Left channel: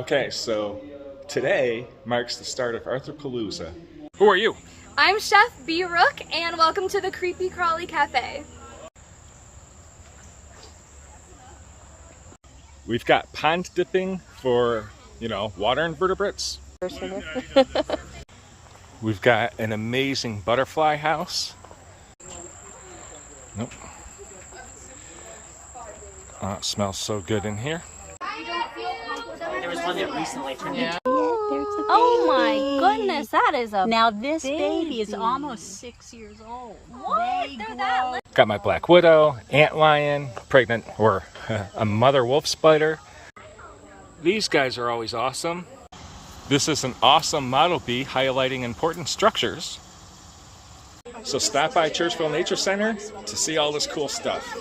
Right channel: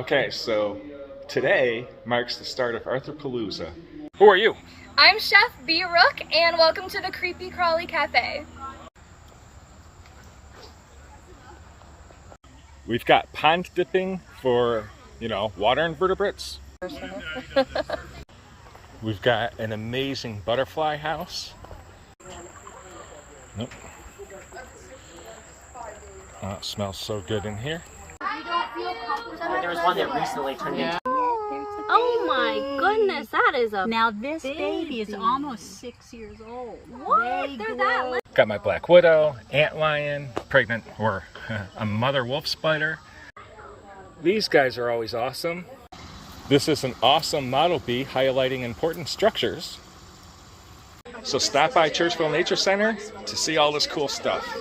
Okay, so today marks the start of Arthropalooza. Who are you? I'm Chef B. Rook, and welcome to the Creepy Crawly Cafe. We've got pond dipping for, water invertebrates. We've got an amazing butterfly house. Nope. Oh, it smells so good in here. There was one that recently turned into. Oh my goodness, that is a Now this baby is almost 6 years old. What? They're that little. Got my black widow, antlion, pregnant, or a mother wolf spider. These guys are always awesome. This is an awesome model bee highlighting important structures. So stop by Churchville Nature Center to see all this cool stuff.